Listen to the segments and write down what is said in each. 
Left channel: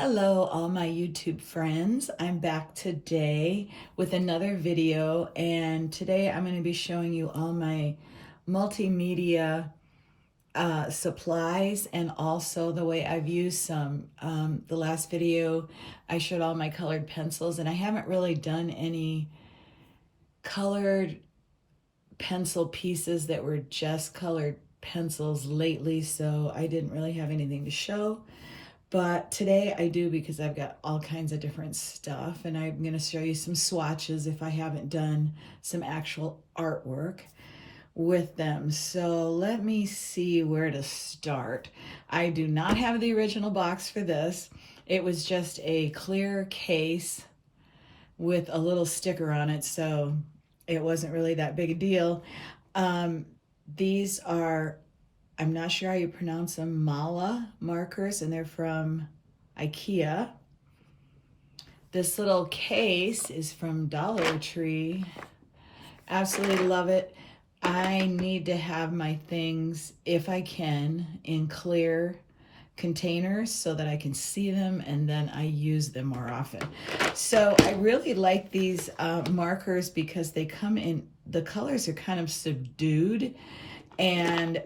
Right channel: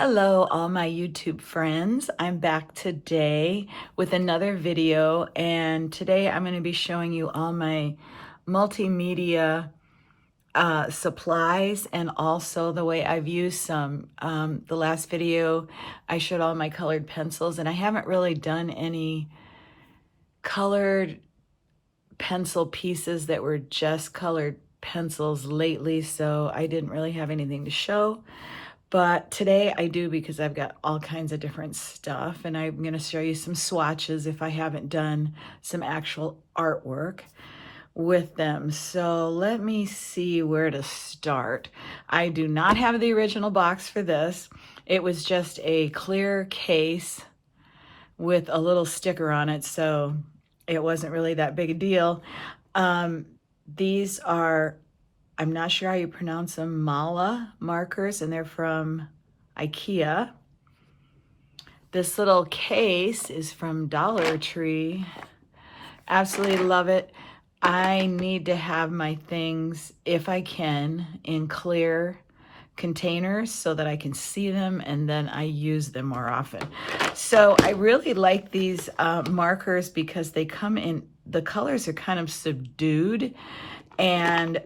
Hello, all my YouTube friends. I'm back today with another video, and today I'm going to be showing you all my multimedia supplies and also the way I've used some. The last video I showed all my colored pencils, and I haven't really done any colored pencil pieces that were just colored pencils lately, so I didn't really have anything to show. But today I do, because I've got all kinds of different stuff, and I'm going to show you some swatches if I haven't done some actual artwork with them. So let me see where to start. I do not have the original box for this. It was just a clear case with a little sticker on it, so it wasn't really that big a deal. These are, I'm not sure how you pronounce them, Mala markers, and they're from IKEA. This little case is from Dollar Tree. Absolutely love it. I need to have my things, if I can, in clear containers so that I can see them and then I use them more often. So I really like these markers because they come in, the colors are kind of subdued and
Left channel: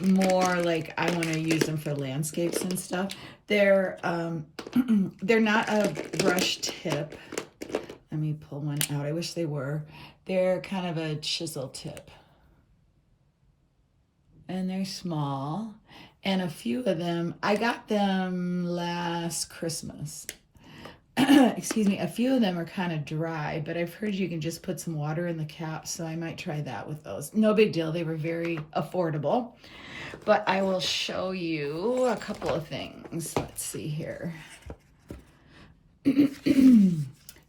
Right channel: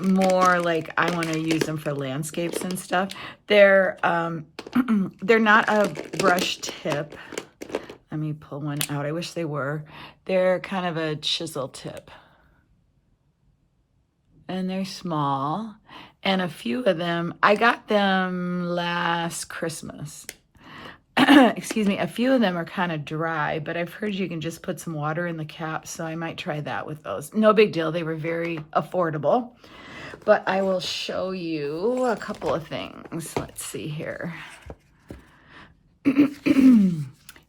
more like I want to use them for landscapes and stuff. They're not a brush tip. Let me pull one out. I wish they were. They're kind of a chisel tip. And they're small. And a few of them, I got them last Christmas. Excuse me, a few of them are kind of dry, but I've heard you can just put some water in the cap, so I might try that with those. No big deal, they were very affordable. But I will show you a couple of things. Let's see here.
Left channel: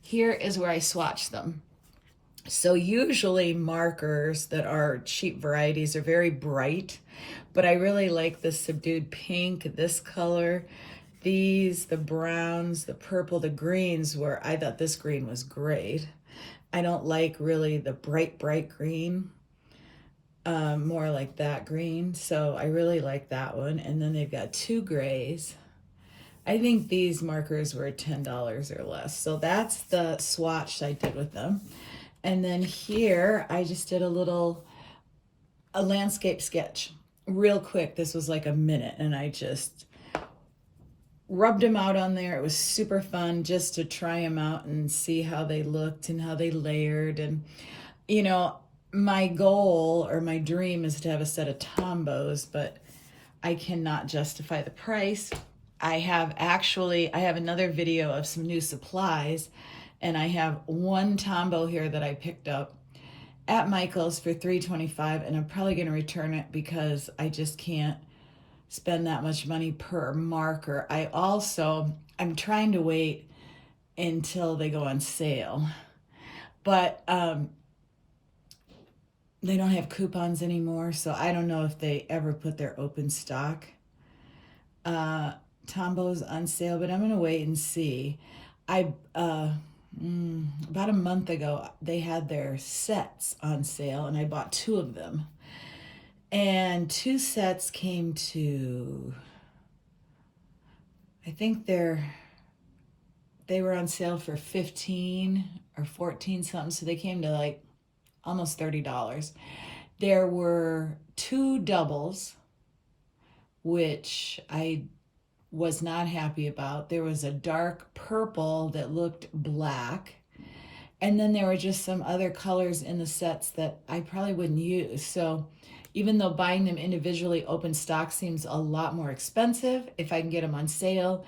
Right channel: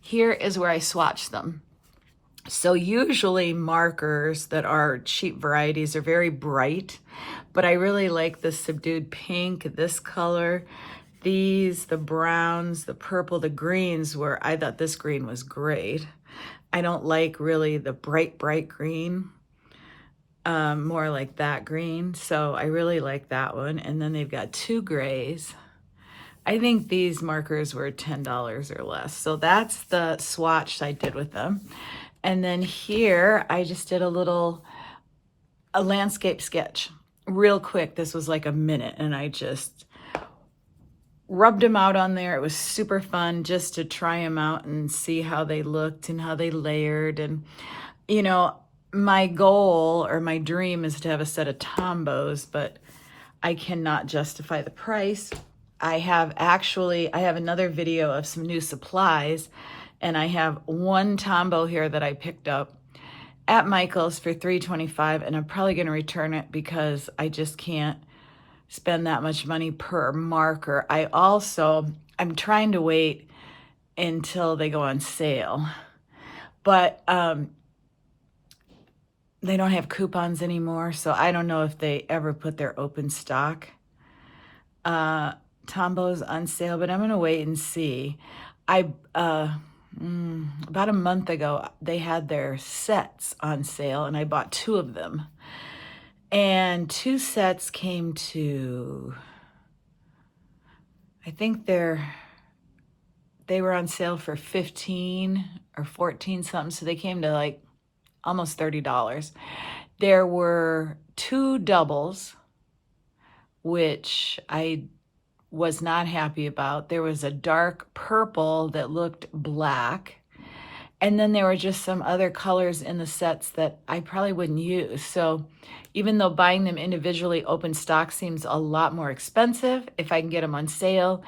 Here is where I swatch them. So usually markers that are cheap varieties are very bright, but I really like the subdued pink, this color. These, the browns, the purple, the greens, where I thought this green was great. I don't like really the bright green, more like that green. So I really like that one. And then they've got two grays. I think these markers were $10 or less. So that's the swatch I did with them. And then here, I just did a landscape sketch real quick. This was like a minute, and I just rubbed them out on there. It was super fun just to try them out and see how they looked and how they layered. And, you know, my goal or my dream is to have a set of Tombos, but I cannot justify the price. I have another video of some new supplies, and I have one Tombow here that I picked up at Michael's for $3.25, and I'm probably going to return it because I just can't spend that much money per marker. I'm trying to wait until they go on sale, but they don't have coupons anymore, so I don't know if they ever put their open stock Tombos on sale, but I'm gonna wait and see. About a month ago, they had their sets on sale, and I bought two of them. And two sets came to, I think they were on sale for 15 or 14 something, so they came to like almost $30. There were two doubles, which I was not happy about. There was a dark purple that looked black, and then there were just some other colors in the sets that I probably wouldn't use. So even though buying them individually open stock seems a lot more expensive, if I can get them on sale,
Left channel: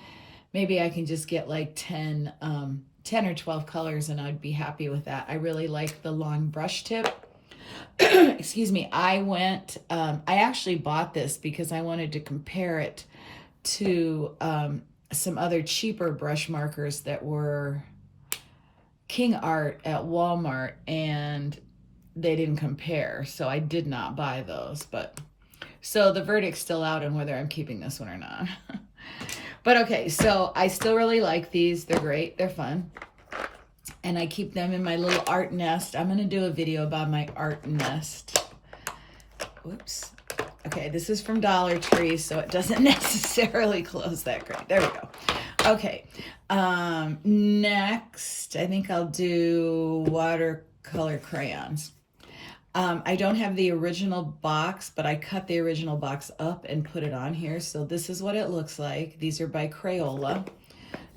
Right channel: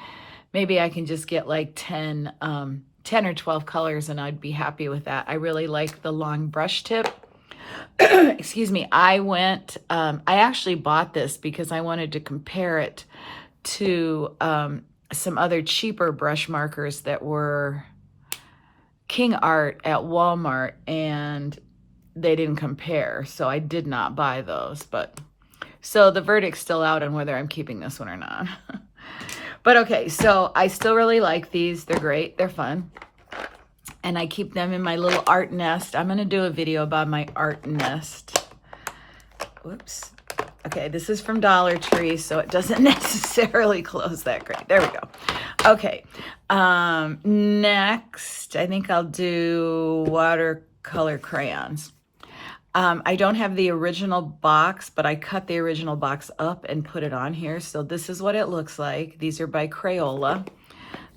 maybe I can just get like 10 or 12 colors and I'd be happy with that. I really like the long brush tip. Excuse me. I actually bought this because I wanted to compare it to some other cheaper brush markers that were King Art at Walmart, and they didn't compare, so I did not buy those. But so the verdict's still out on whether I'm keeping this one or not. But okay, so I still really like these. They're great. They're fun. And I keep them in my little art nest. I'm going to do a video about my art nest. Whoops. Okay, this is from Dollar Tree, so it doesn't necessarily close that great. There we go. Okay, next, I think I'll do watercolor crayons. I don't have the original box, but I cut the original box up and put it on here. So this is what it looks like. These are by Crayola.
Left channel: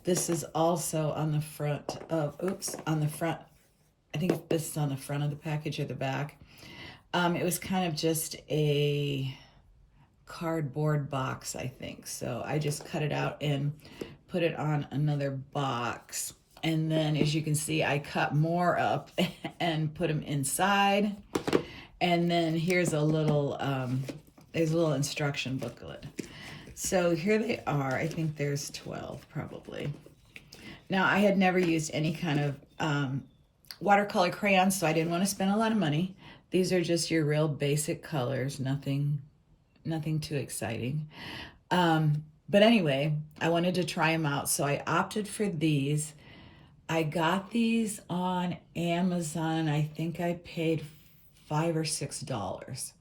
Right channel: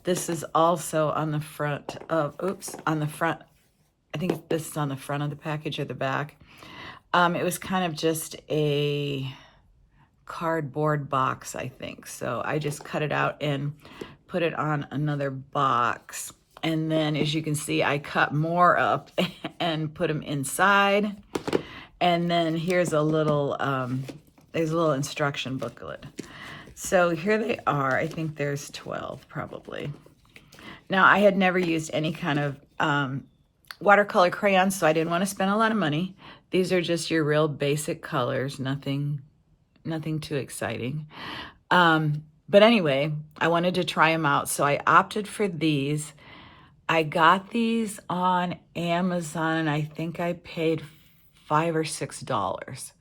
This is also on the front of, on the front. I think this is on the front of the package or the back. It was kind of just a cardboard box, I think. So I just cut it out and put it on another box. And then as you can see, I cut more up and put them inside. And then here's a little, there's a little instruction booklet. So here they are. I think there's 12 probably. Now I had never used any kind of watercolor crayons, so I didn't want to spend a lot of money. These are just your real basic colors, nothing too exciting. But anyway, I wanted to try them out, so I opted for these. I got these on Amazon. I think I paid $5 or $6.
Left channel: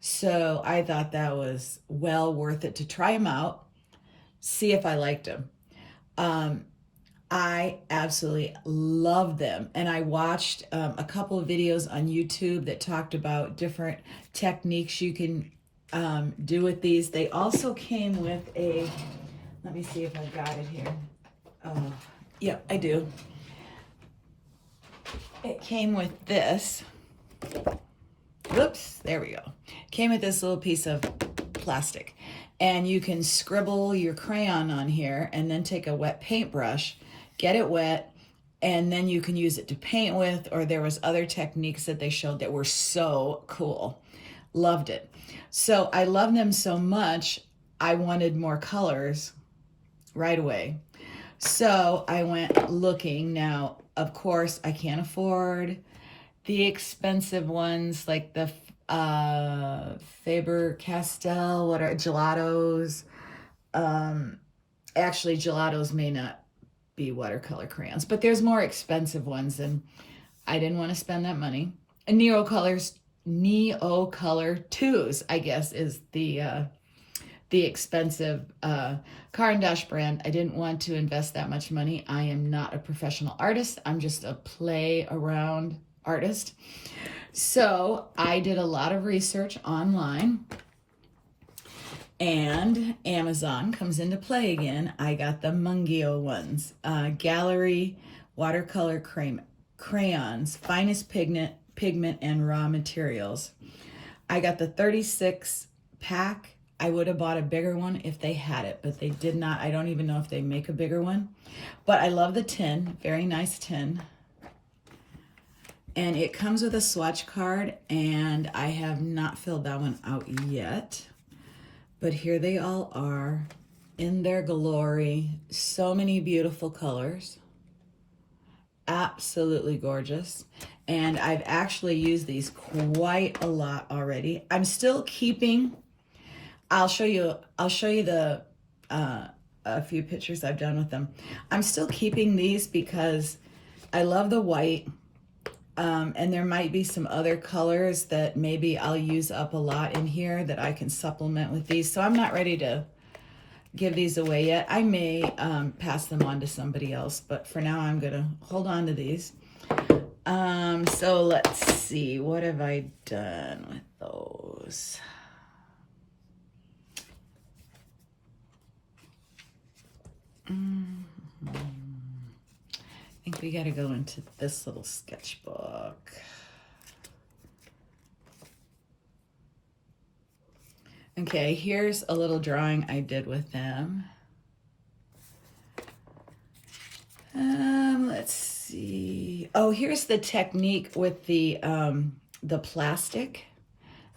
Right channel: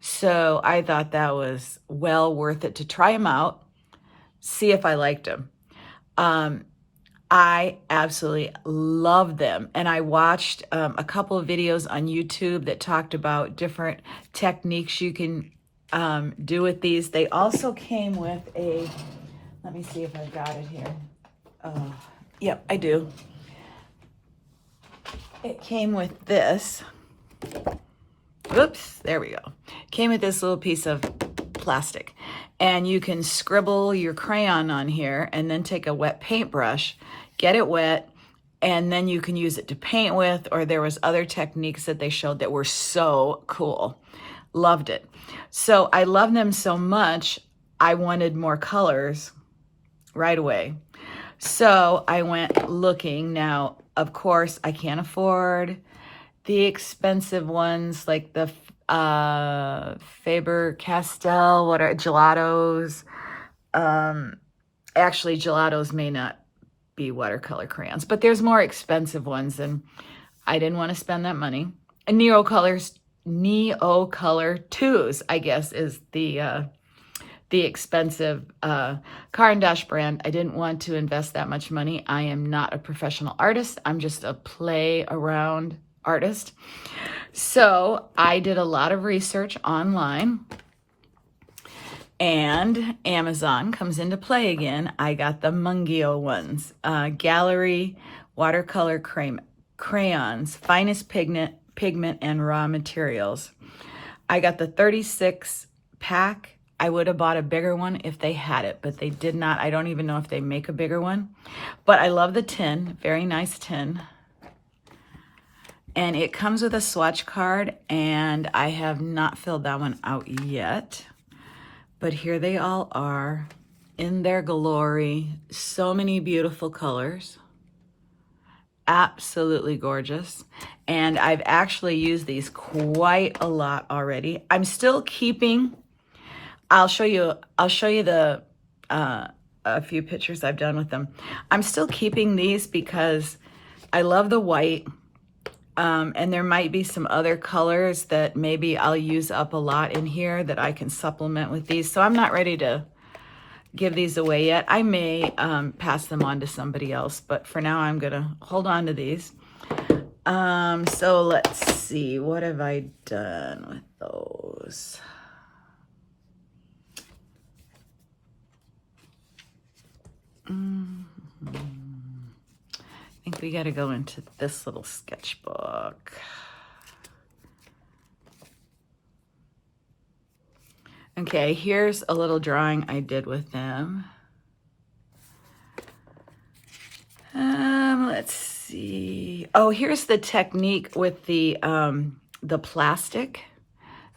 So I thought that was well worth it to try them out, see if I liked them. I absolutely love them. And I watched a couple of videos on YouTube that talked about different techniques you can do with these. They also came with a, let me see if I've got it here. Yep, I do. It came with this. Oops, there we go. Came with this little piece of plastic. And you can scribble your crayon on here and then take a wet paintbrush, get it wet, and then you can use it to paint with, or there was other techniques that they showed that were so cool. Loved it. So I love them so much, I wanted more colors right away. So I went looking. Now, of course, I can't afford the expensive ones like the Faber-Castell, what are gelatos? Actually, gelatos may not be watercolor crayons, but there's more expensive ones, and I didn't want to spend that money. And Neocolor 2s, I guess, is the expensive Car and Dash brand. I didn't want to invest that much money. I am not a professional artist. I'm just a play around artist. So I did a lot of research online, and Amazon comes into play again. I got the Mungio ones, Gallery watercolor crayons, finest pigment and raw materials. I got the 36 pack. I would have bought a bigger one if they had it, but they did not. I don't even know if they make a bigger one, but I love the tin, very nice tin. And it comes with a swatch card, and I have not filled that one out yet. But here they all are in their glory. So many beautiful colors. Absolutely gorgeous. And I've actually used these quite a lot already. I'm still keeping, I'll show you the a few pictures I've done with them. I'm still keeping these because I love the white. And there might be some other colors that maybe I'll use up a lot in here that I can supplement with these. So I'm not ready to give these away yet. I may pass them on to somebody else, but for now I'm gonna hold on to these. So let's see, what have I done with those? I think we got to go into this little sketchbook. Okay, here's a little drawing I did with them. Let's see. Oh, here's the technique with the plastic.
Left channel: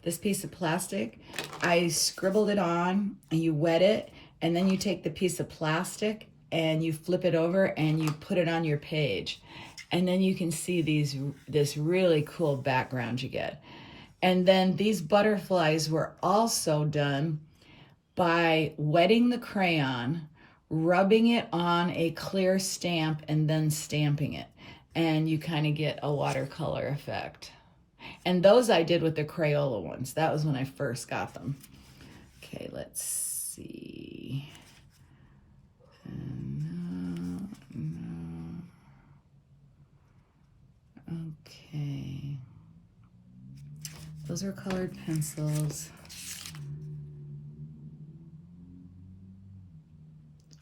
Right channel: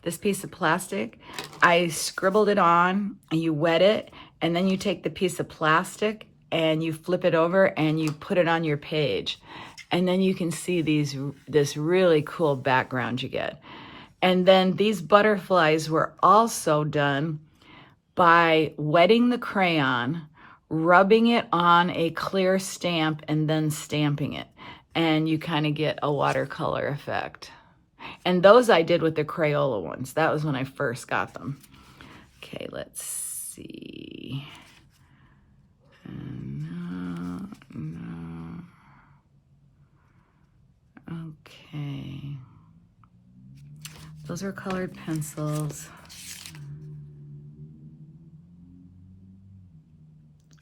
This piece of plastic. I scribbled it on, and you wet it, and then you take the piece of plastic and you flip it over and you put it on your page. And then you can see this really cool background you get. And then these butterflies were also done by wetting the crayon, rubbing it on a clear stamp, and then stamping it. And you kind of get a watercolor effect. And those I did with the Crayola ones. That was when I first got them. Okay, let's see. Those are colored pencils.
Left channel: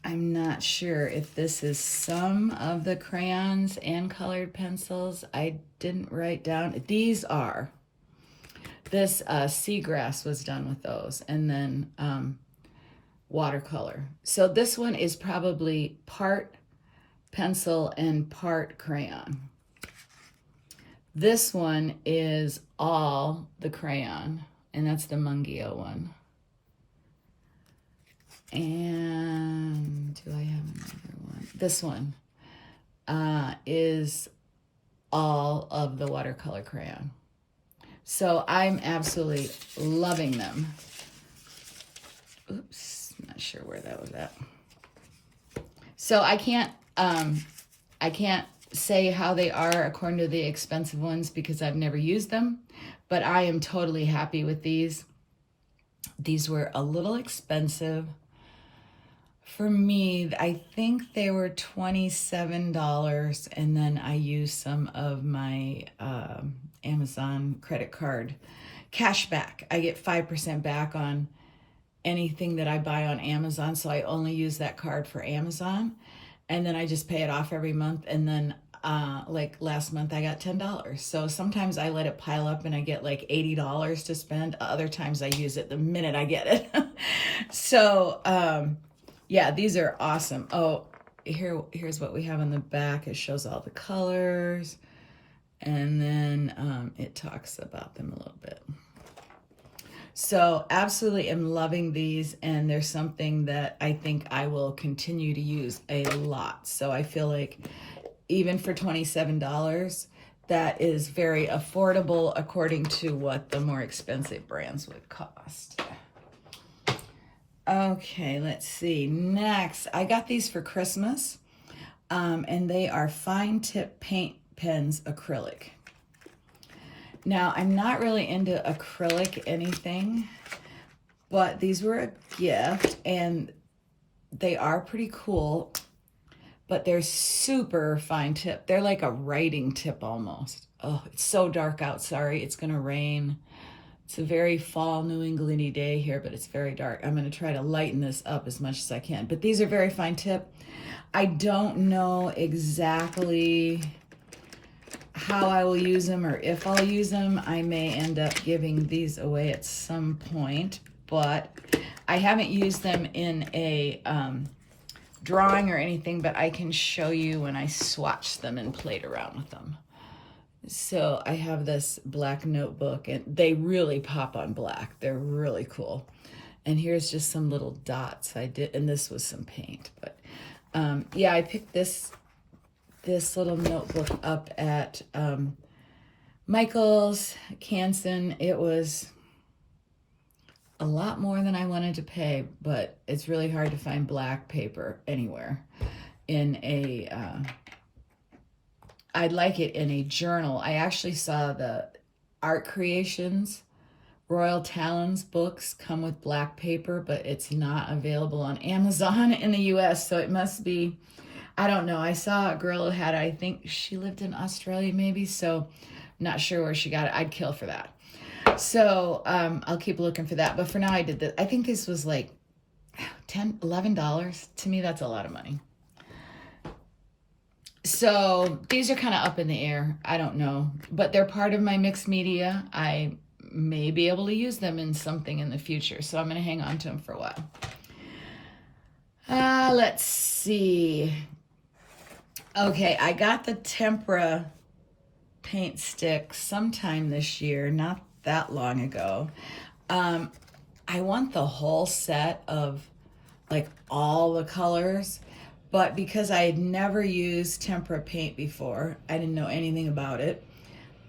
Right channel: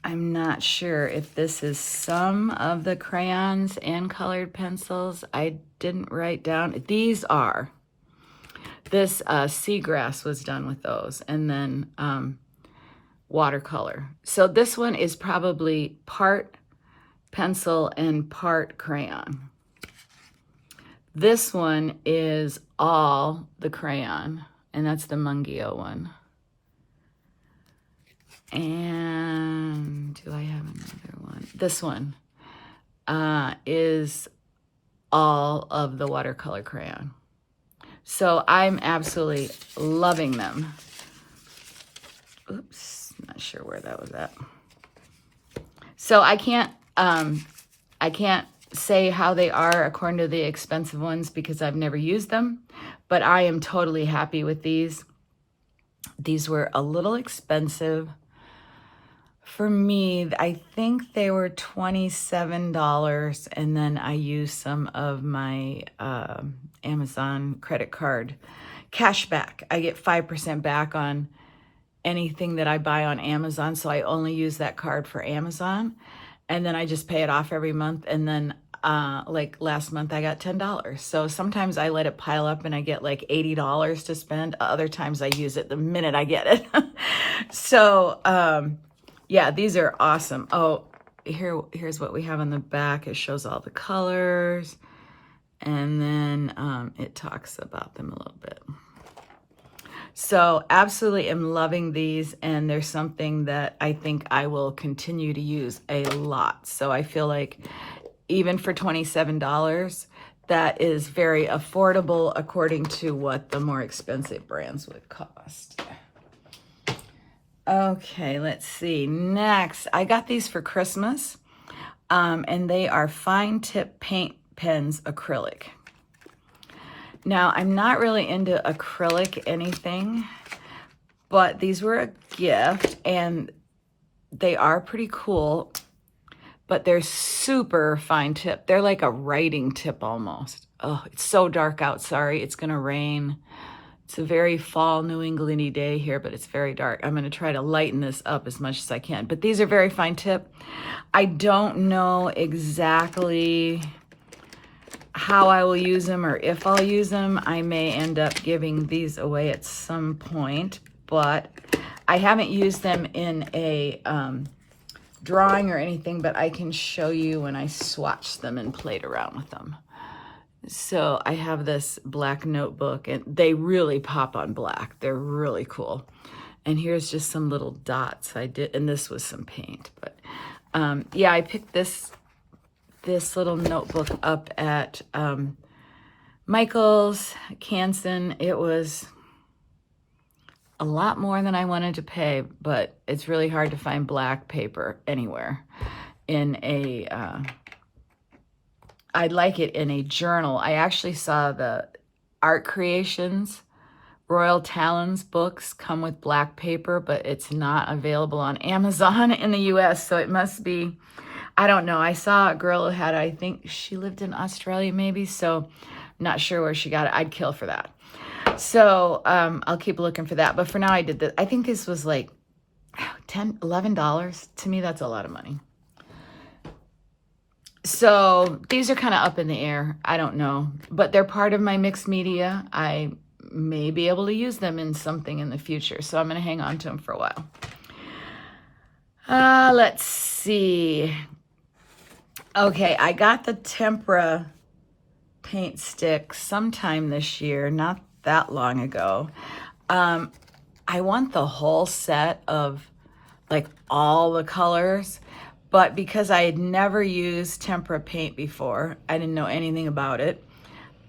I'm not sure if this is some of the crayons and colored pencils. I didn't write down. These are. This seagrass was done with those, and then watercolor. So this one is probably part pencil and part crayon. This one is all the crayon, and that's the Mungio one. And do I have another one? This one is all of the watercolor crayon. So I'm absolutely loving them. Oops, not sure where that was at. So I can't say how they are according to the expensive ones because I've never used them, but I am totally happy with these. These were a little expensive. For me, I think they were $27, and then I used some of my Amazon credit card cash back. I get 5% back on anything that I buy on Amazon, so I only use that card for Amazon, and then I just pay it off every month, and then like last month I got $10. So sometimes I let it pile up and I get like $80 to spend. Other times I use it the minute I get it. So yeah, these are awesome. Oh, here's what we have on the back. It shows all the colors, and then it talks about them a little bit. So absolutely am loving these, and there's something that I think I will continue to use a lot. So I feel like even for $27, that is very affordable according to what the more expensive brands would cost. Okay, let's see. Next, I got these for Christmas, and they are fine tip paint pens acrylic. Now, I'm not really into acrylic anything, but these were a gift, and they are pretty cool, but they're super fine tip. They're like a writing tip almost. Oh, it's so dark out. Sorry, it's gonna rain. It's a very fall New Englandy day here, but it's very dark. I'm gonna try to lighten this up as much as I can, but these are very fine tip. I don't know exactly how I will use them or if I'll use them. I may end up giving these away at some point, but I haven't used them in a drawing or anything, but I can show you when I swatched them and played around with them. So I have this black notebook, and they really pop on black. They're really cool. And here's just some little dots I did, and this was some paint. But yeah, I picked this little notebook up at Michael's, Canson. It was a lot more than I wanted to pay, but it's really hard to find black paper anywhere in a I'd like it in a journal. I actually saw the Art Creations Royal Talons books come with black paper, but it's not available on Amazon in the US, so it must be, I don't know. I saw a girl who had, I think she lived in Australia maybe, so not sure where she got it. I'd kill for that. So I'll keep looking for that. But for now, I did this. I think this was like $10, $11. To me, that's a lot of money. So these are kind of up in the air. I don't know. But they're part of my mixed media. I may be able to use them in something in the future. So I'm going to hang on to them for a while. Let's see. Okay, I got the tempera paint stick sometime this year, not that long ago. I want the whole set of like all the colors, but because I had never used tempera paint before, I didn't know anything about it.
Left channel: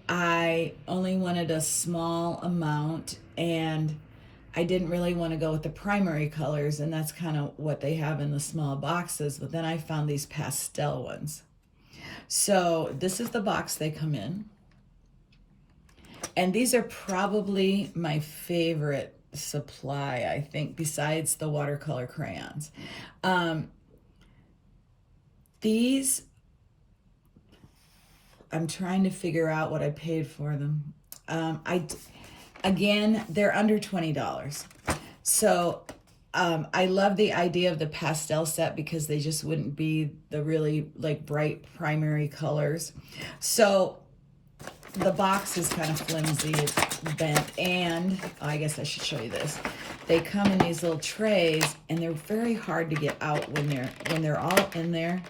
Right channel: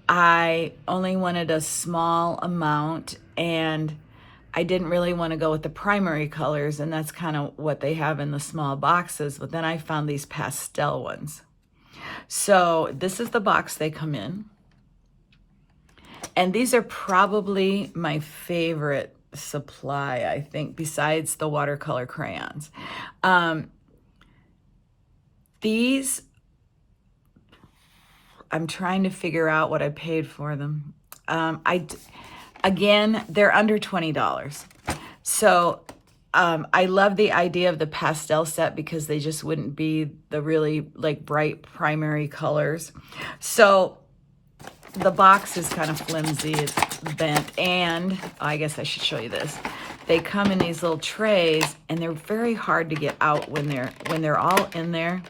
I only wanted a small amount, and I didn't really want to go with the primary colors, and that's kind of what they have in the small boxes, but then I found these pastel ones. So this is the box they come in. And these are probably my favorite supply, I think, besides the watercolor crayons. These, I'm trying to figure out what I paid for them. I Again, they're under $20. So I love the idea of the pastel set because they just wouldn't be the really like bright primary colors. So the box is kind of flimsy, it's bent, and I guess I should show you this. They come in these little trays, and they're very hard to get out when they're all in there.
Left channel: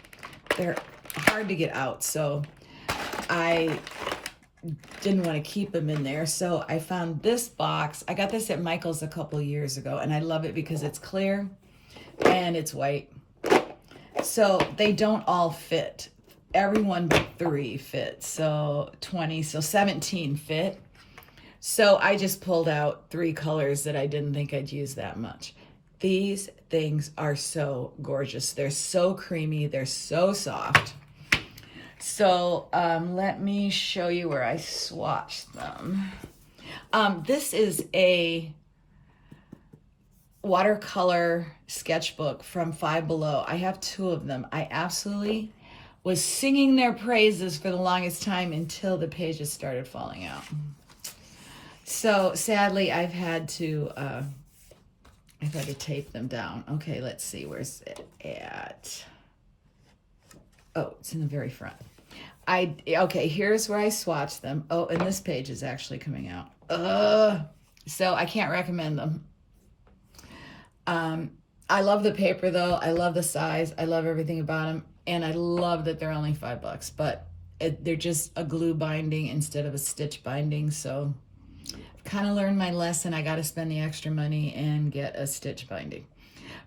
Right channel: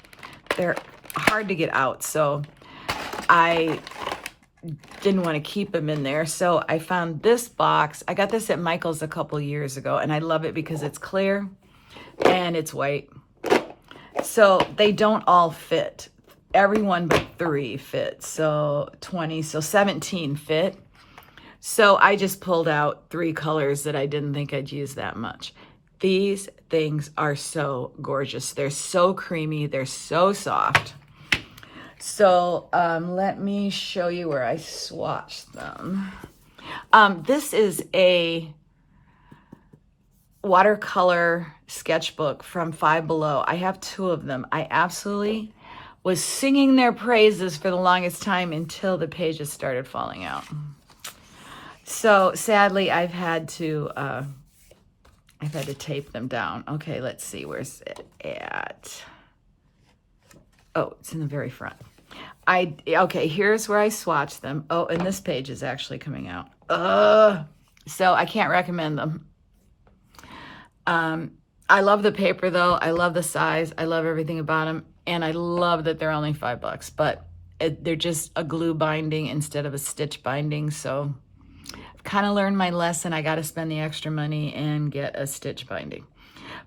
They're hard to get out, so I didn't want to keep them in there. So I found this box. I got this at Michael's a couple years ago, and I love it because it's clear and it's white. So they don't all fit. Everyone but 3 fit. So 20, so 17 fit. So I just pulled out 3 colors that I didn't think I'd use that much. These things are so gorgeous. They're so creamy. They're so soft. So let me show you where I swatched them. This is a watercolor sketchbook from Five Below. I have 2 of them. I absolutely was singing their praises for the longest time until the pages started falling out. So sadly, I've had to tape them down. Okay, let's see, where's it at? Oh, it's in the very front. Okay, here's where I swatched them. Oh, and this page is actually coming out. So I can't recommend them. I love the paper though. I love the size. I love everything about them. And I love that they're only $5, but they're just a glue binding instead of a stitch binding. So I've kind of learned my lesson. I got to spend the extra money and get a stitch binding.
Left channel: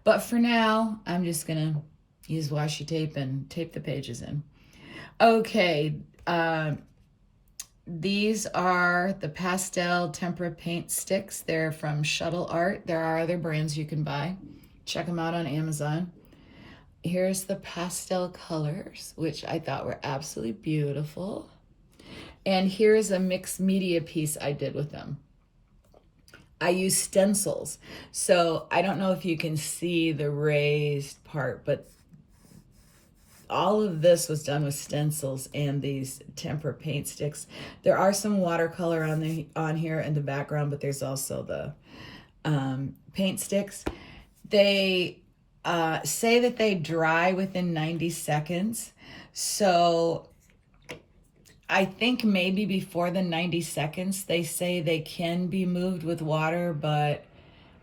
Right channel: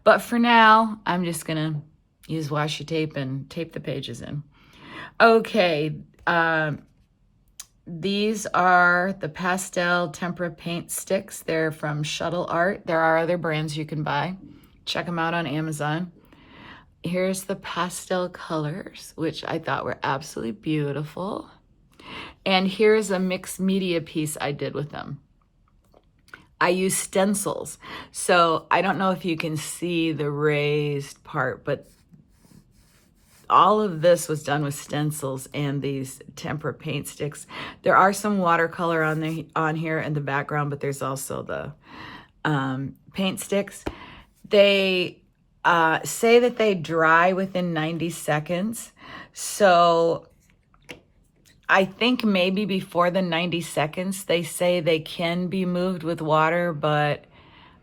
But for now, I'm just going to use washi tape and tape the pages in. Okay, these are the pastel tempera paint sticks. They're from Shuttle Art. There are other brands you can buy. Check them out on Amazon. Here's the pastel colors, which I thought were absolutely beautiful. And here's a mixed media piece I did with them. I use stencils. So I don't know if you can see the raised part, but all of this was done with stencils and these tempera paint sticks. There are some watercolor on here in the background, but there's also the paint sticks. They say that they dry within 90 seconds. So I think maybe before the 90 seconds, they say they can be moved with water, but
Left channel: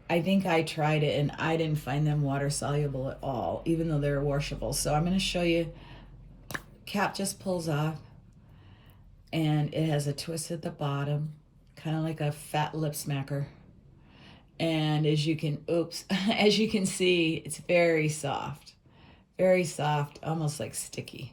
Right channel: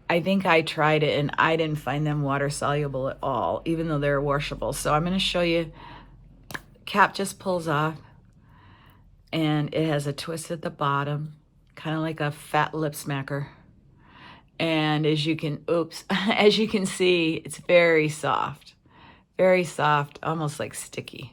I think I tried it and I didn't find them water soluble at all, even though they're washable. So I'm going to show you. Cap just pulls off and it has a twist at the bottom, kind of like a fat lip smacker. And as you can see, it's very soft, almost like sticky.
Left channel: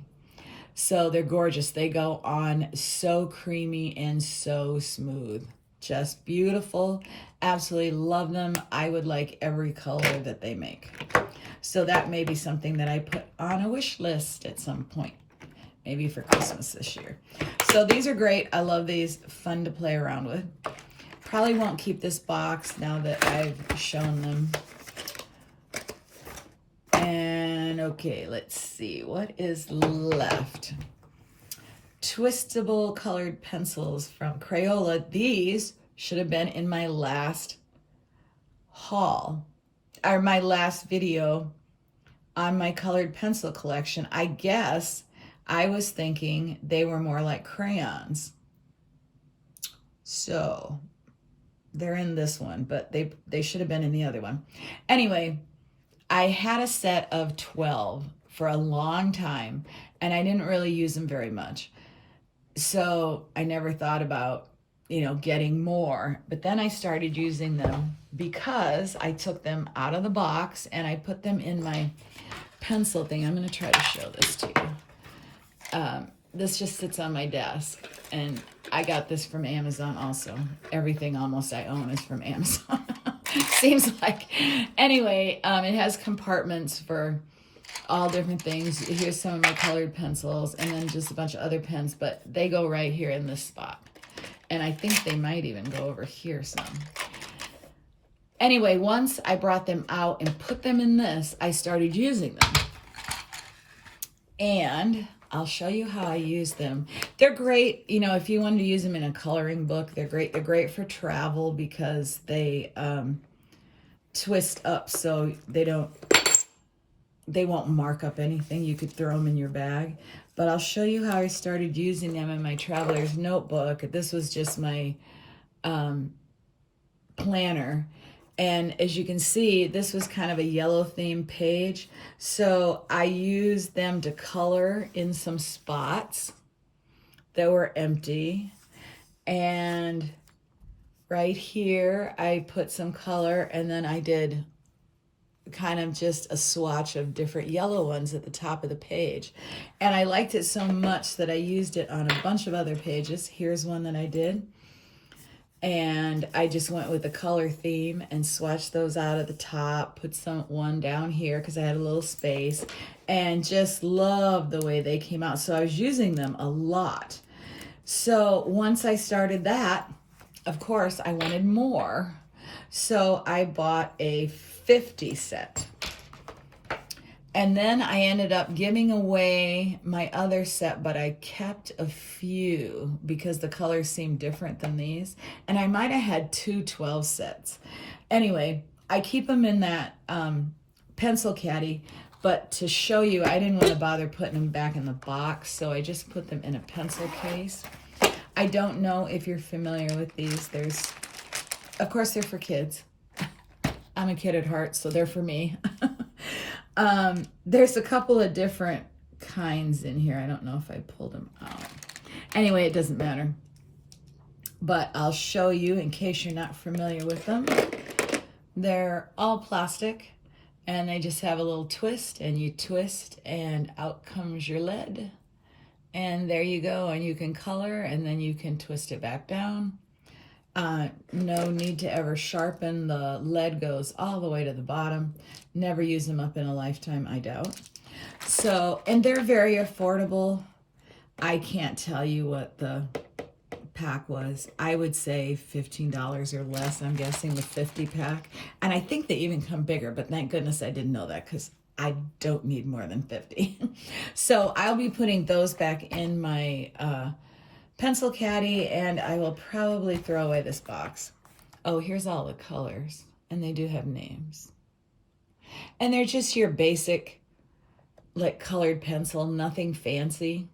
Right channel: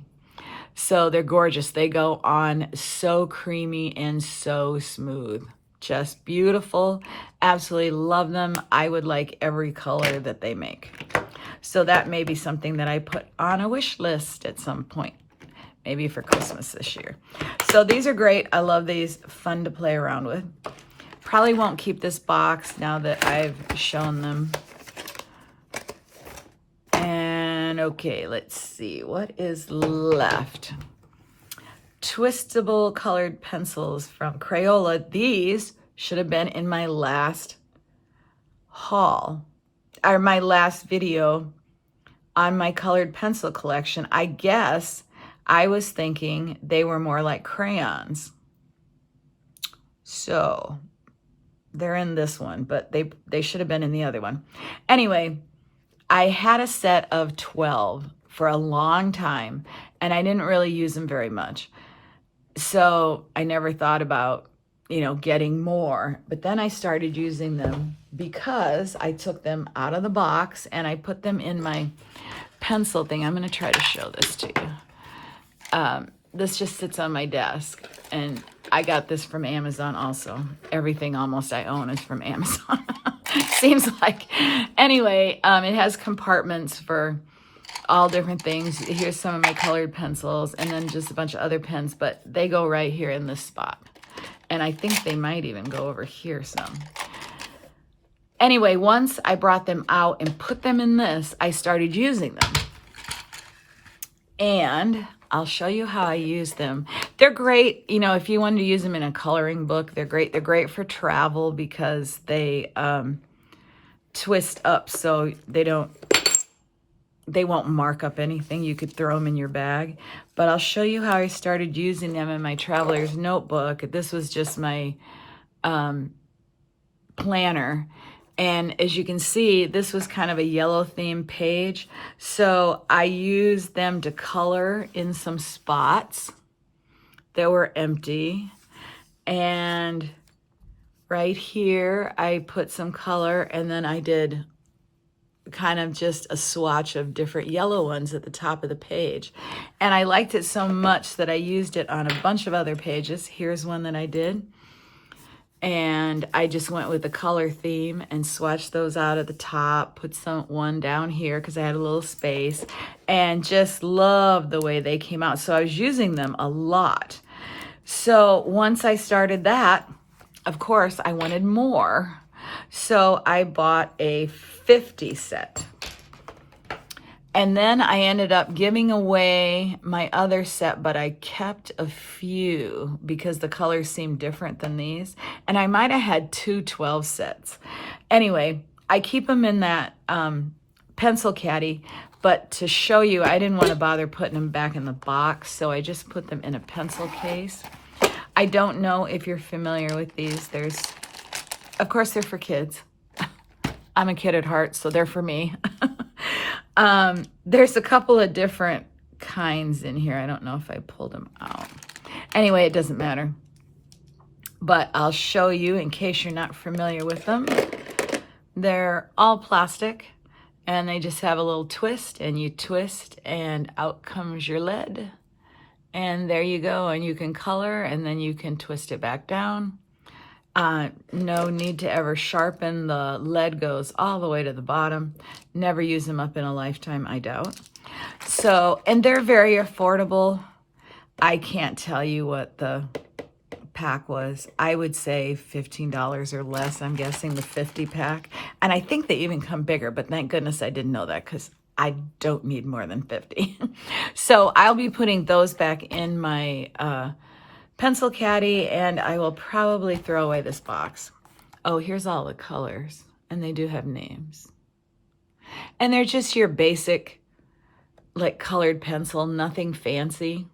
So they're gorgeous. They go on so creamy and so smooth. Just beautiful. Absolutely love them. I would like every color that they make. So that may be something that I put on a wish list at some point, maybe for Christmas this year. So these are great. I love these. Fun to play around with. Probably won't keep this box now that I've shown them. And okay, let's see what is left. Twistable colored pencils from Crayola. These should have been in my last haul, or my last video on my colored pencil collection. I guess I was thinking they were more like crayons. So they're in this one, but they should have been in the other one. Anyway, I had a set of 12 for a long time, and I didn't really use them very much. So I never thought about, getting more. But then I started using them because I took them out of the box and I put them in my pencil thing. I'm going to try to show this to you. This just sits on my desk, and I got this from Amazon also. Everything almost I own is from Amazon. Seems like. Anyway, it has compartments for all different things. Here's some of my colored pencils and then just a bunch of other pens, but they go right here in this spot. And I think they might even go over here some. Anyway, once I brought them out and put them in this, I started using them. And I'll show you how I use them. They're great, you know, if you wanted to use them in a coloring book, they're great. They're great for travel because they twist up so they won't mark up anything. You could throw them in your bag. But I'll show you how I started using them in my traveler's notebook. This was just my planner. And as you can see, this was kind of a yellow theme page. So I used them to color in some spots that were empty. And right here, I put some color, and then I did kind of just a swatch of different yellow ones at the top of the page. And I liked it so much that I used it on a bunch of other pages. Here's one that I did. And I just went with the color theme and swatched those out at the top, put one down here because I had a little space, and just loved the way they came out. So I was using them a lot. So once I started that, of course, I wanted more. So I bought a 50 set. And then I ended up giving away my other set, but I kept a few because the colors seemed different than these. And I might have had 12 sets. Anyway, I keep them in that pencil caddy, but to show you, I didn't want to bother putting them back in the box, so I just put them in a pencil case. I don't know if you're familiar with these. Of course, they're for kids. I'm a kid at heart, so they're for me. There's a couple of different kinds in here. I don't know if I pulled them out. Anyway, it doesn't matter. But I'll show you in case you're not familiar with them. They're all plastic, and they just have a little twist, and you twist, and out comes your lead. And there you go, and you can color, and then you can twist it back down. No need to ever sharpen. The lead goes all the way to the bottom. Never use them up in a lifetime, I doubt. So, and they're very affordable. I can't tell you what the pack was. I would say $15 or less. I'm guessing the 50 pack. And I think they even come bigger, but thank goodness I didn't know that because I don't need more than 50. So I'll be putting those back in my pencil caddy, and I will probably throw away this box. Oh, here's all the colors, and they do have names. And they're just your basic, like, colored pencil, nothing fancy,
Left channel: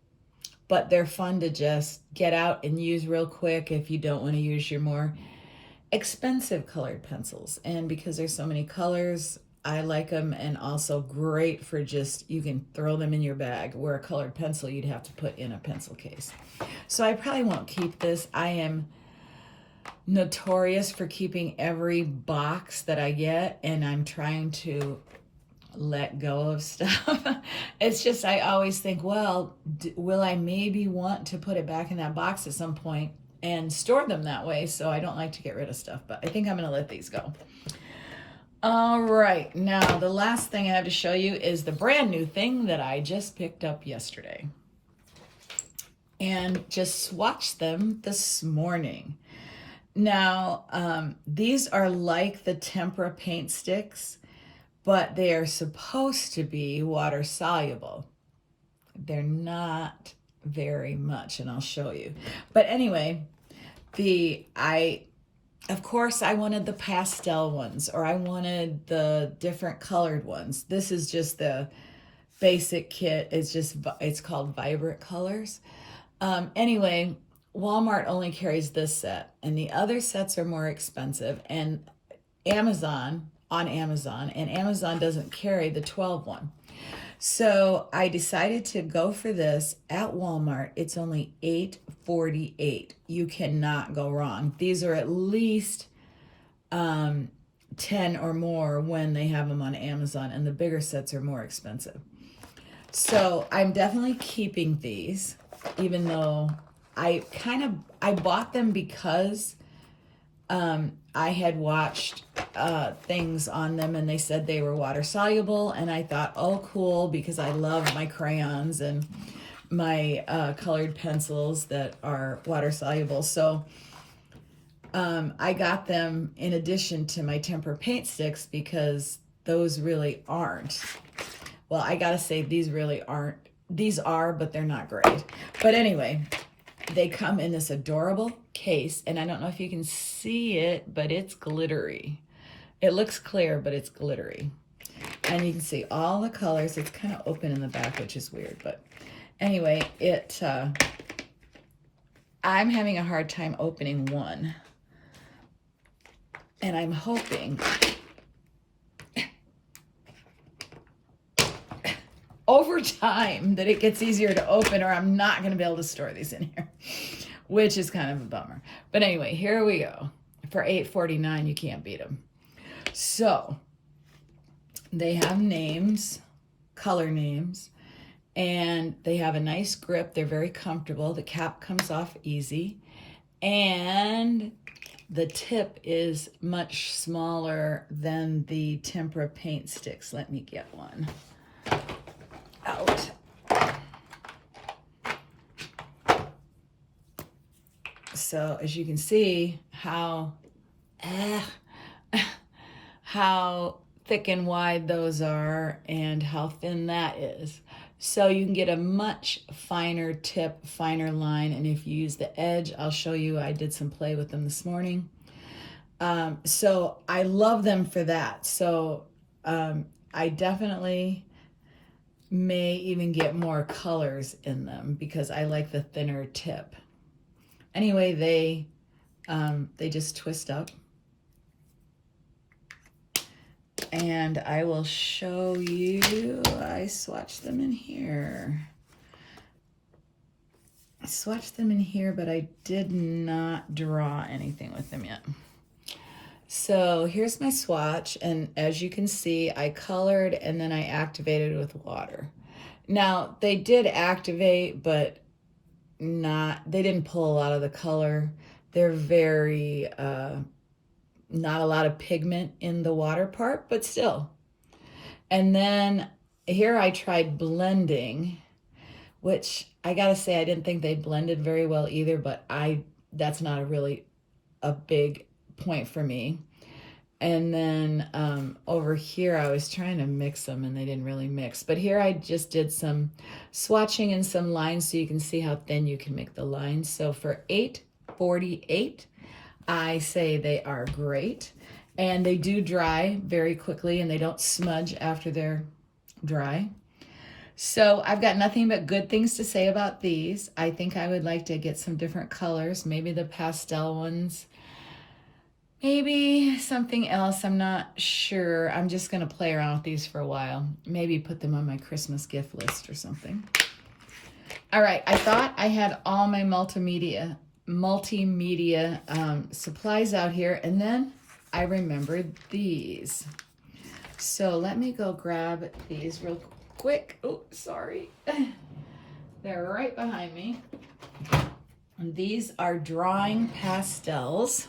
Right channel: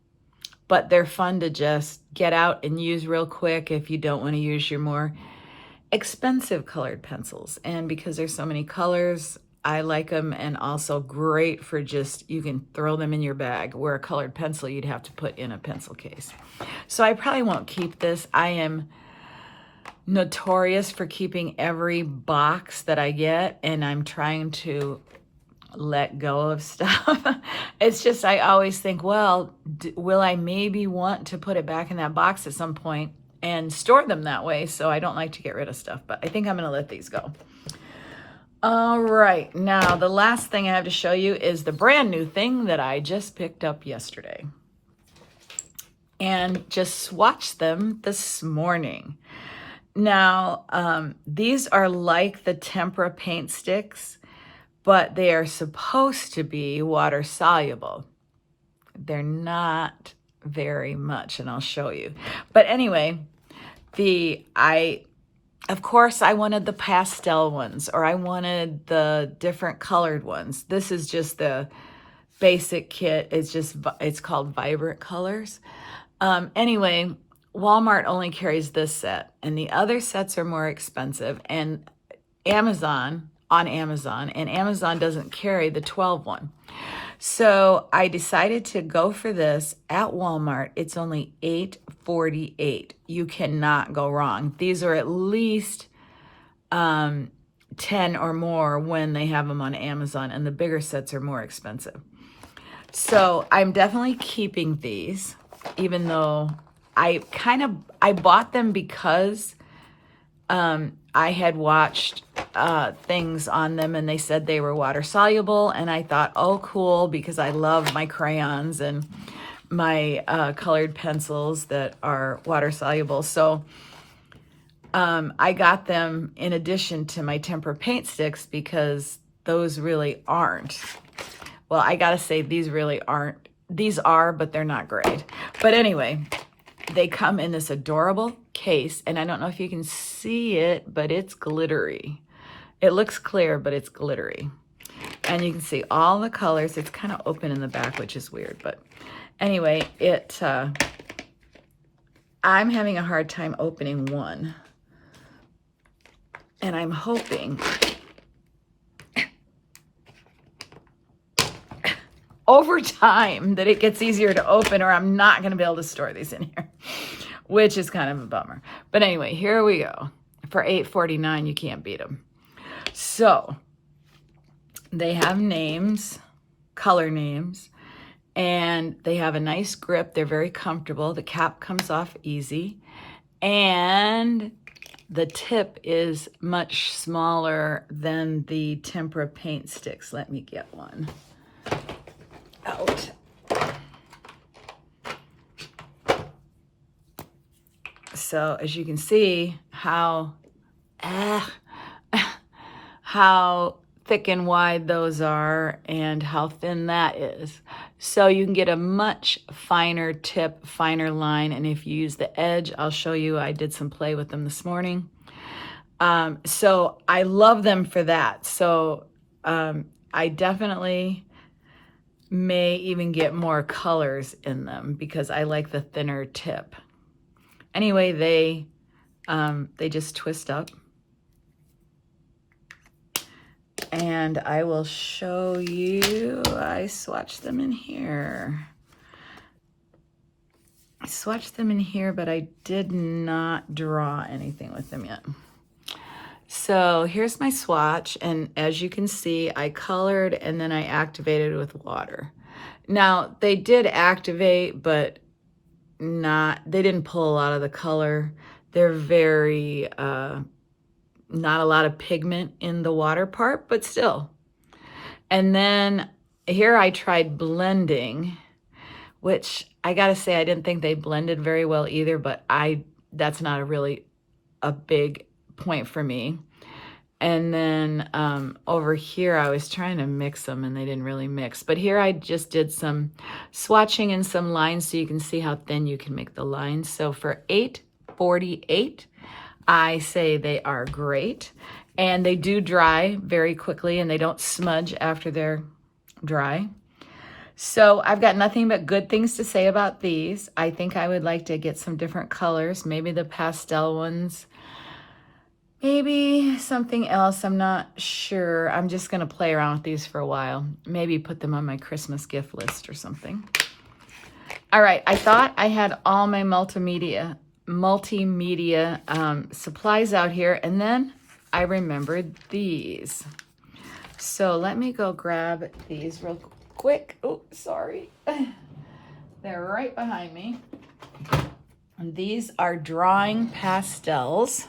but they're fun to just get out and use real quick if you don't want to use your more expensive colored pencils. And because there's so many colors, I like them, and also great for just, you can throw them in your bag, where a colored pencil you'd have to put in a pencil case. So I probably won't keep this. I am notorious for keeping every box that I get, and I'm trying to let go of stuff. It's just, I always think, well, will I maybe want to put it back in that box at some point and store them that way? So I don't like to get rid of stuff, but I think I'm gonna let these go. All right, now the last thing I have to show you is the brand new thing that I just picked up yesterday and just swatched them this morning. Now, these are like the tempera paint sticks, but they are supposed to be water soluble. They're not very much, and I'll show you. But anyway, of course, I wanted the pastel ones, or I wanted the different colored ones. This is just the basic kit. It's called Vibrant Colors. Anyway, Walmart only carries this set, and the other sets are more expensive. And Amazon doesn't carry the 12 one. So I decided to go for this at Walmart. It's only $8.48. You cannot go wrong. These are at least 10 or more when they have them on Amazon, and the bigger sets are more expensive. So I'm definitely keeping these, even though I bought them because I had watched things on them, and they said they were water soluble, and I thought, oh, cool, because I love my crayons and my colored pencils that are water soluble. So I got them in addition to my tempera paint sticks, because those really aren't. Well, I gotta say, these really aren't these are, but they're not great. But anyway, they come in this adorable case, and I don't know if you can see it, but it's glittery. It looks clear, but it's glittery. And you can see all the colors. It's kind of open in the back, which is weird, but anyway, I'm having a hard time opening one. And I'm hoping over time that it gets easier to open, or I'm not going to be able to store these in here, which is kind of a bummer. But anyway, here we go. For $8.49, you can't beat them. So they have names, color names, and they have a nice grip. They're very comfortable. The cap comes off easy, and the tip is much smaller than the tempera paint sticks. Let me get one out. So as you can see how thick and wide those are and how thin that is. So you can get a much finer tip, finer line. And if you use the edge, I'll show you, I did some play with them this morning. So I love them for that. So I definitely may even get more colors in them because I like the thinner tip. Anyway, they just twist up. And I will show you, I swatched them in here. I swatched them in here, but I did not draw anything with them yet. So here's my swatch, and as you can see, I colored and then I activated with water. Now, they did activate, but they didn't pull a lot of the color. They're very, not a lot of pigment in the water part, but still. And then here I tried blending, which I gotta say, I didn't think they blended very well either, but that's not really a big point for me. And then over here, I was trying to mix them and they didn't really mix. But here I just did some swatching and some lines so you can see how thin you can make the lines. So for $8.48, I say they are great. And they do dry very quickly and they don't smudge after they're dry. So I've got nothing but good things to say about these. I think I would like to get some different colors, maybe the pastel ones. Maybe something else, I'm not sure. I'm just gonna play around with these for a while. Maybe put them on my Christmas gift list or something. All right, I thought I had all my multimedia supplies out here, and then I remembered these. So let me go grab these real quick. Oh, sorry. They're right behind me. And these are drawing pastels.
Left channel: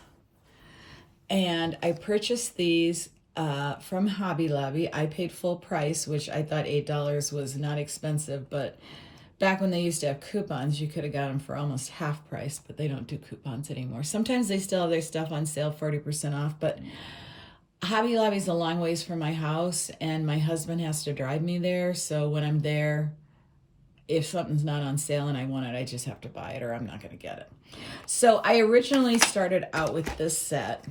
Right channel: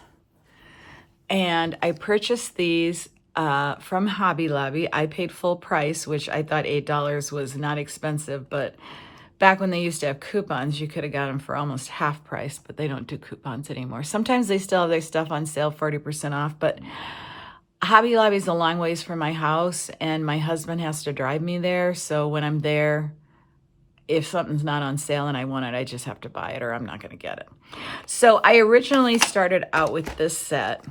And I purchased these from Hobby Lobby. I paid full price, which I thought $8 was not expensive, but back when they used to have coupons, you could have got them for almost half price, but they don't do coupons anymore. Sometimes they still have their stuff on sale, 40% off, but Hobby Lobby's a long ways from my house, and my husband has to drive me there, so when I'm there, if something's not on sale and I want it, I just have to buy it or I'm not gonna get it. So I originally started out with this set,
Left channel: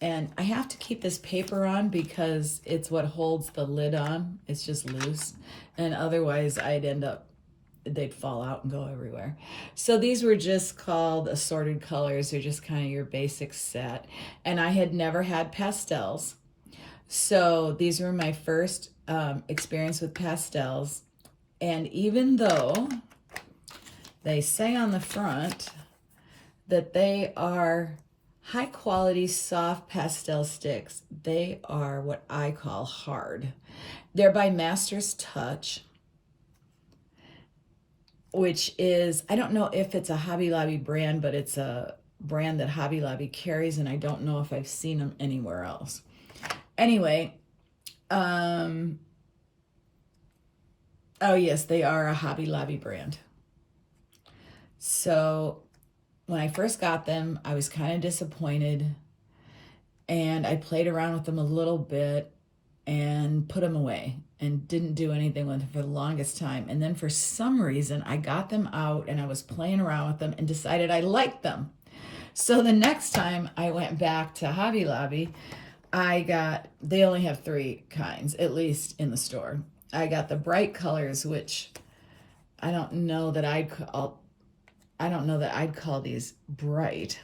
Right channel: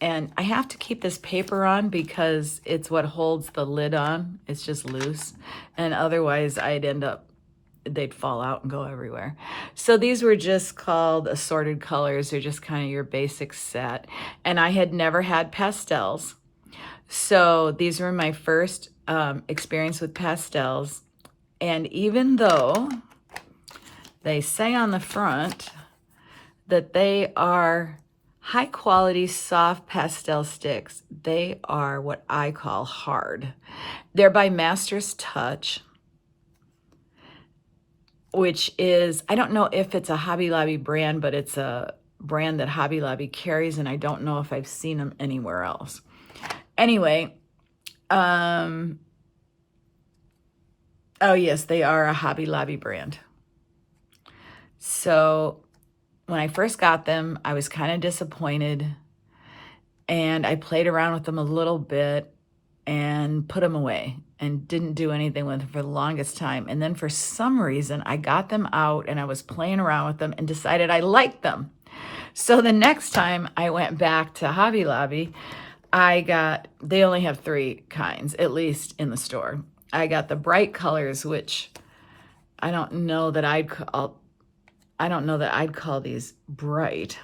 and I have to keep this paper on because it's what holds the lid on. It's just loose. And otherwise they'd fall out and go everywhere. So these were just called assorted colors. They're just kind of your basic set. And I had never had pastels. So these were my first experience with pastels. And even though they say on the front that they are high quality, soft pastel sticks, they are what I call hard. They're by Master's Touch, which is, I don't know if it's a Hobby Lobby brand, but it's a brand that Hobby Lobby carries, and I don't know if I've seen them anywhere else. Anyway, oh yes, they are a Hobby Lobby brand. So when I first got them, I was kind of disappointed, and I played around with them a little bit, and put them away and didn't do anything with them for the longest time. And then for some reason, I got them out and I was playing around with them and decided I liked them. So the next time I went back to Hobby Lobby, they only have 3 kinds, at least in the store. I got the bright colors, which I don't know that I'd call these bright.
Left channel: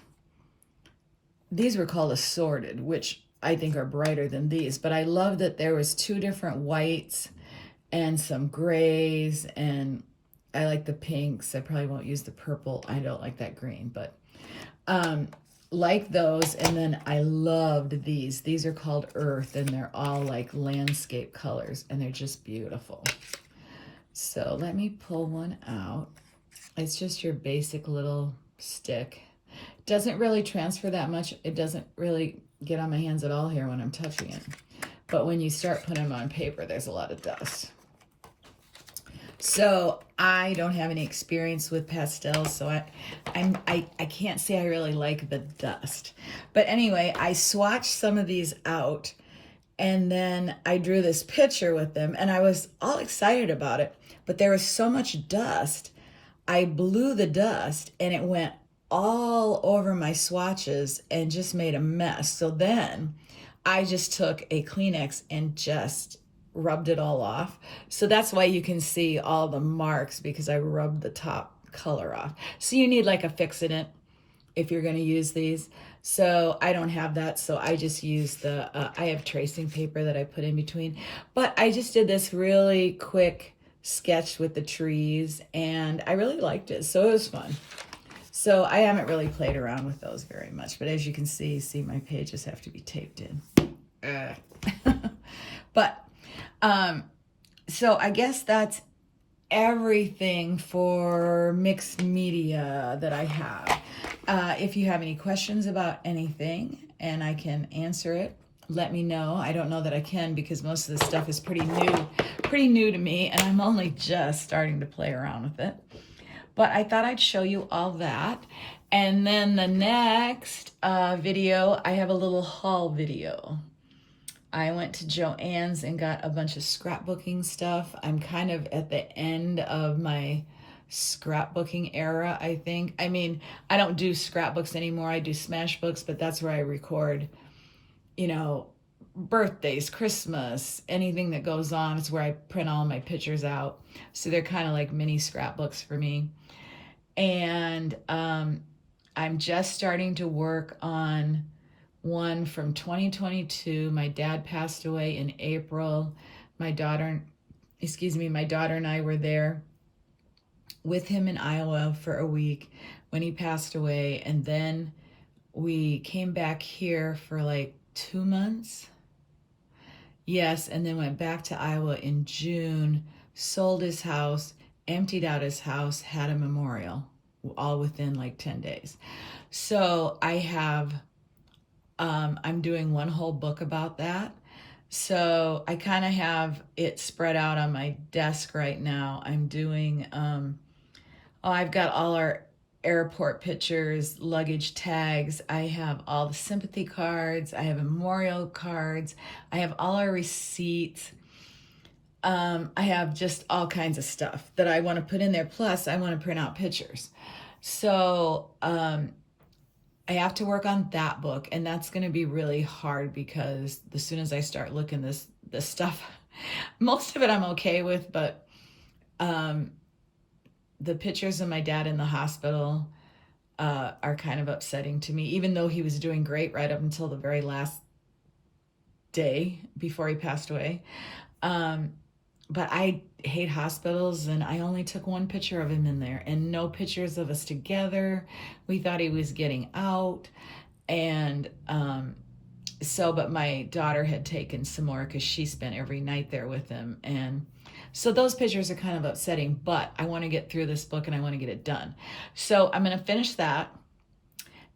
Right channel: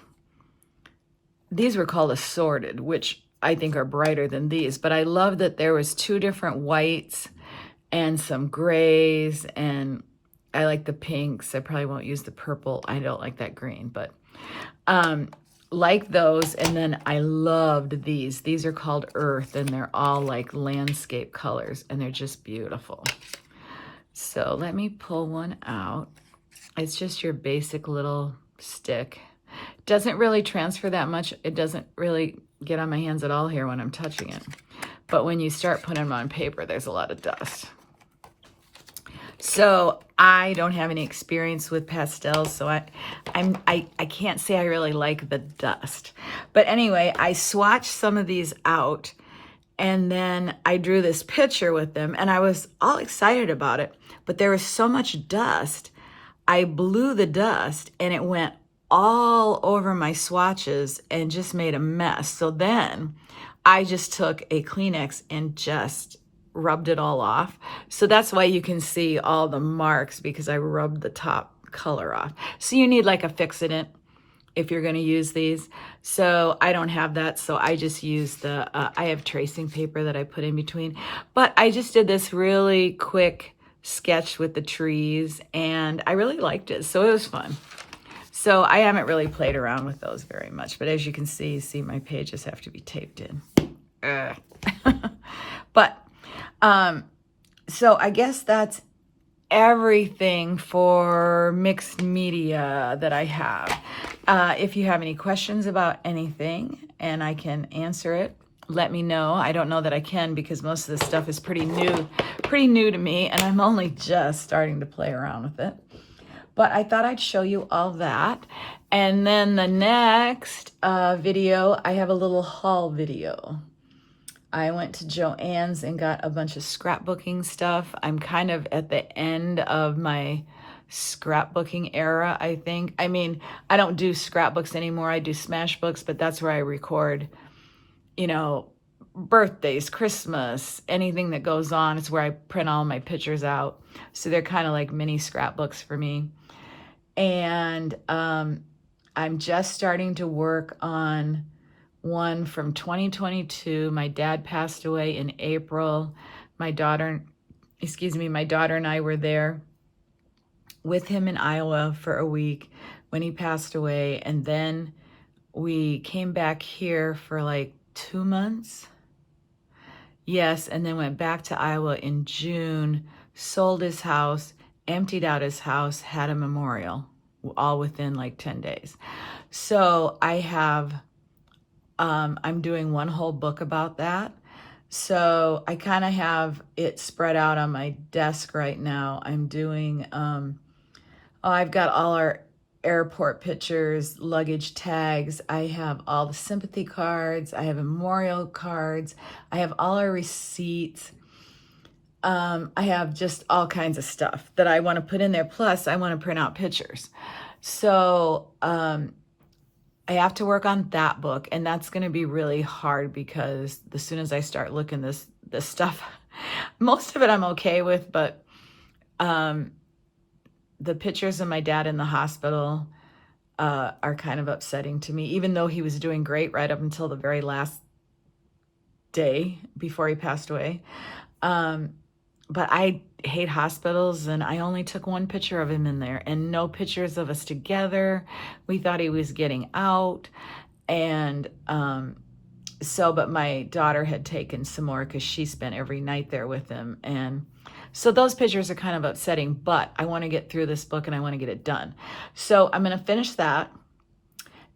These were called assorted, which I think are brighter than these, but I love that there was 2 different whites and some grays, and I like the pinks. I probably won't use the purple. I don't like that green, but like those. And then I loved these. These are called Earth, and they're all like landscape colors, and they're just beautiful. So let me pull one out. It's just your basic little stick. Doesn't really transfer that much. It doesn't really get on my hands at all here when I'm touching it. But when you start putting them on paper, there's a lot of dust. So I don't have any experience with pastels, so I can't say I really like the dust. But anyway, I swatched some of these out, and then I drew this picture with them, and I was all excited about it, but there was so much dust. I blew the dust, and it went all over my swatches and just made a mess. So then I just took a Kleenex and just rubbed it all off. So that's why you can see all the marks, because I rubbed the top color off. So you need like a fix-it if you're going to use these. So I don't have that, so I just use I have tracing paper that I put in between. But I just did this really quick sketch with the trees, and I really liked it, so it was fun. So I haven't really played around with those very much, but as you can see my pages have to be taped in. But so I guess that's everything for mixed media that I have. If you have any questions about anything and I can answer it, let me know. I don't know that I can, because most of this stuff is pretty new to me, and I'm only just starting to play around with it. But I thought I'd show you all that. And then the next video, I have a little haul video. I went to Joann's and got a bunch of scrapbooking stuff. I'm kind of at the end of my scrapbooking era, I think. I mean, I don't do scrapbooks anymore. I do smash books, but that's where I record, you know, birthdays, Christmas, anything that goes on. It's where I print all my pictures out. So they're kind of like mini scrapbooks for me. And I'm just starting to work on one from 2022. My dad passed away in April. My daughter and I were there with him in Iowa for a week when he passed away. And then we came back here for like 2 months. Yes, and then went back to Iowa in June, sold his house, emptied out his house, had a memorial, all within like 10 days. So I have, I'm doing one whole book about that. So I kind of have it spread out on my desk right now. I'm doing, I've got all our airport pictures, luggage tags. I have all the sympathy cards. I have memorial cards. I have all our receipts. I have just all kinds of stuff that I want to put in there. Plus, I want to print out pictures. So I have to work on that book, and that's going to be really hard, because as soon as I start looking this stuff, most of it I'm okay with, but the pictures of my dad in the hospital are kind of upsetting to me, even though he was doing great right up until the very last day before he passed away. But I hate hospitals, and I only took one picture of him in there and no pictures of us together. We thought he was getting out. And but my daughter had taken some more because she spent every night there with him. And so those pictures are kind of upsetting, but I want to get through this book and I want to get it done. So I'm going to finish that.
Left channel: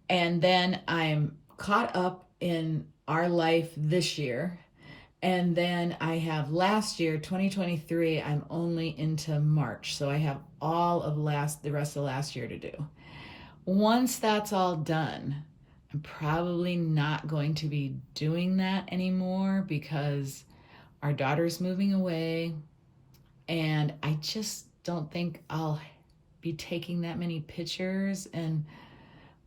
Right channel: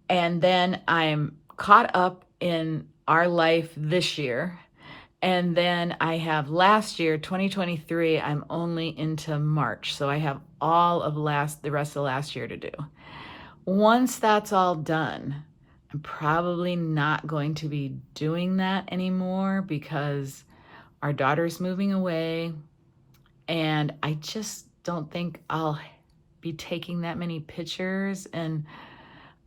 And then I'm caught up in our life this year. And then I have last year, 2023, I'm only into March. So I have all of the rest of last year to do. Once that's all done, I'm probably not going to be doing that anymore, because Our daughter's moving away, and I just don't think I'll be taking that many pictures, and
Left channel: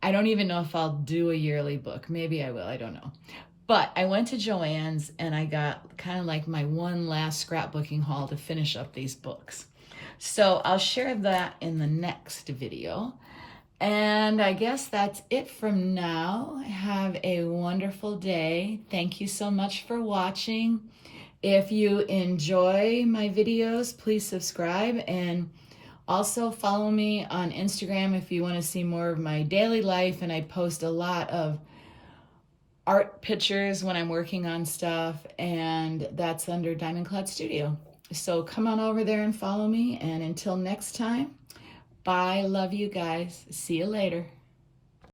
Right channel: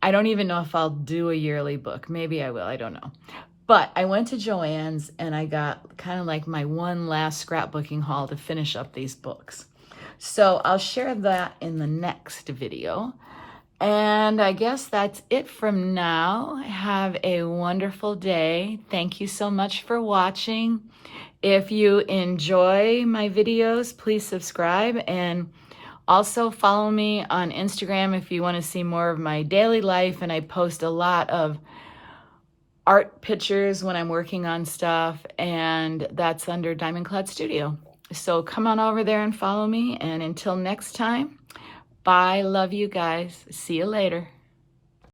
I don't even know if I'll do a yearly book. Maybe I will, I don't know. But I went to Joann's and I got kind of like my one last scrapbooking haul to finish up these books. So I'll share that in the next video. And I guess that's it from now. Have a wonderful day. Thank you so much for watching. If you enjoy my videos, please subscribe, and also follow me on Instagram if you want to see more of my daily life. And I post a lot of art pictures when I'm working on stuff, and that's under Diamond Cloud Studio. So come on over there and follow me. And until next time, bye. Love you guys. See you later.